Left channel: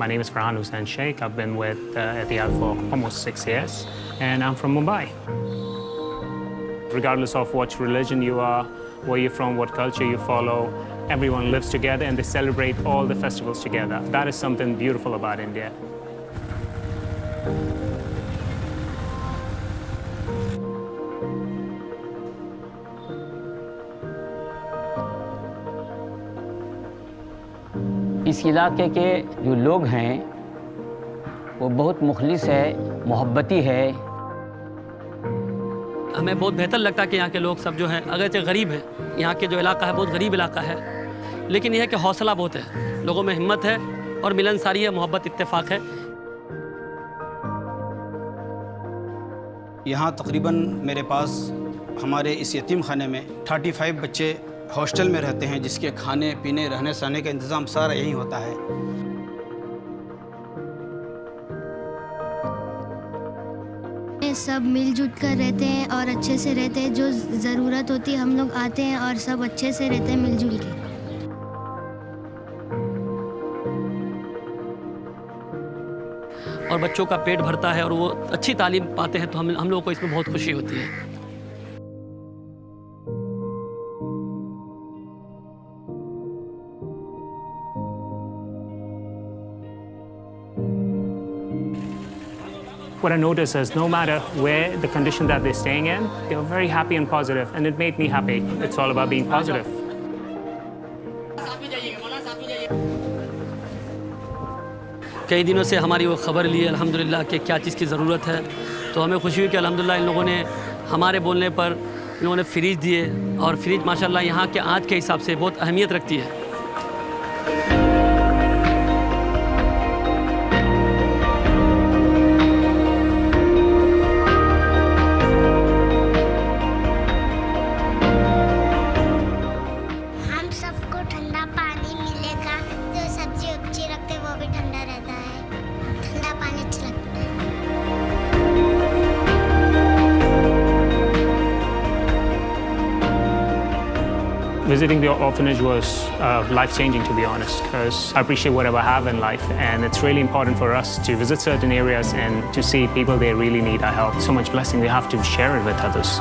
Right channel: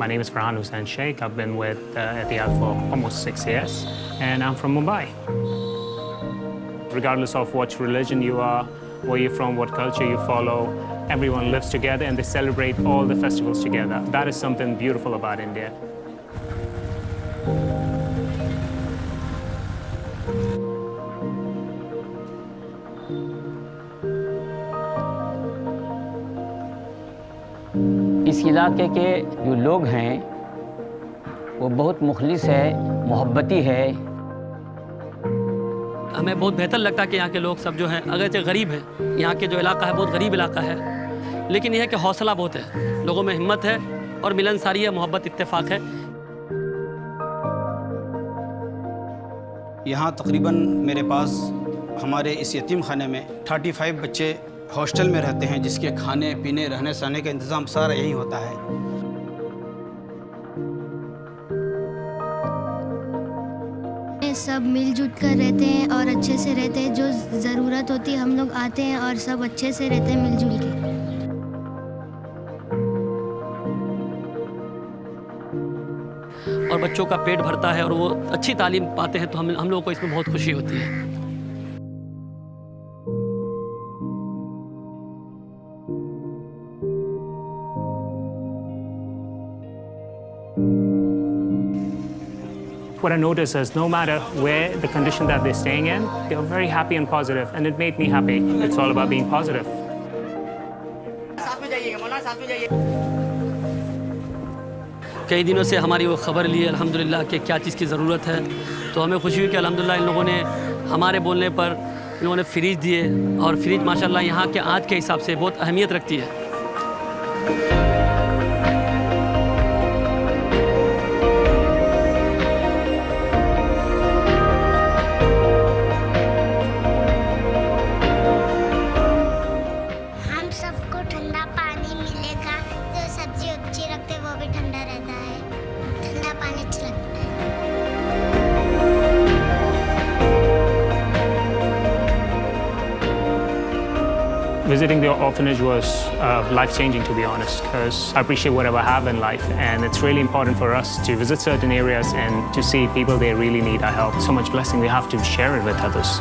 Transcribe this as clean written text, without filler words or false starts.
My name is Farhan Hussain Sheikh. I've been with Etihad for almost 6 years, and I'm from Mumbai. Regardless of what religion you are, where you're from, what culture you follow, everyone lives together and they celebrate all the festivals together. That is something beautiful about India. इस इलाके के जो लोग हैं वो बहुत मुखलिस है, मोहब्बती है। हमें बहुत बेहतर लगता है कि यहाँ के लोग सब जो हैं अगरचे गरीब हैं, यहाँ के जो इलाका है बहुत गरीब इलाका है, लेकिन यह है कि हौसला बहुत है, लोगों में हिम्मत है और मिलनसारी है, मोहब्बत इत्तेफाक है। यहाँ तकरीबन मेरे पास हमारे इस यतीम खाने में 35 बच्चे हॉस्टल में रहते हैं, जिसके खाने पीने रहने सहने का इंतज़ाम सारा यहीं होता है। सब मिलजुल कर रहते हैं और अच्छे से रहते हैं। जो ज़रूरत होती है हम लोग आते हैं और सब अच्छे से रहते हैं मिलजुल के। और बच्चों का पेट भरता है और वो अच्छी तालीम पाते हैं, तो हम लोगों को इसमें बहुत खुशी होती है। What I notice is no matter where the condition that they're staying in, they're very happy and positive, and it made me happy. It's all about being positive. कई दिनों से हमारी वो खबर ली अल्हम्दुलिल्लाह कि क्या चीज़ की ज़रूरत है, तो हमें खुशी हुई कि अल्हम्दुलिल्लाह इन लोगों ने हमारे बोलने पर इन लोगों ने फ्रिज दिए, और फ्रिज माशाल्लाह यहाँ के आज के हिसाब से बहुत अहमियत रखती है। सबको ठंडा पानी मिलेगा, जो सब्जी उब्जी रखते वो भी ठंडा रहता है, ठंडा पानी अच्छा लगता है। Visiting the orphanage was life-changing, to be honest, because I appreciate whatever I have in life, and it's really important for us to visit certain areas and to see people they really need our help. So much blessing, we have to share it with others.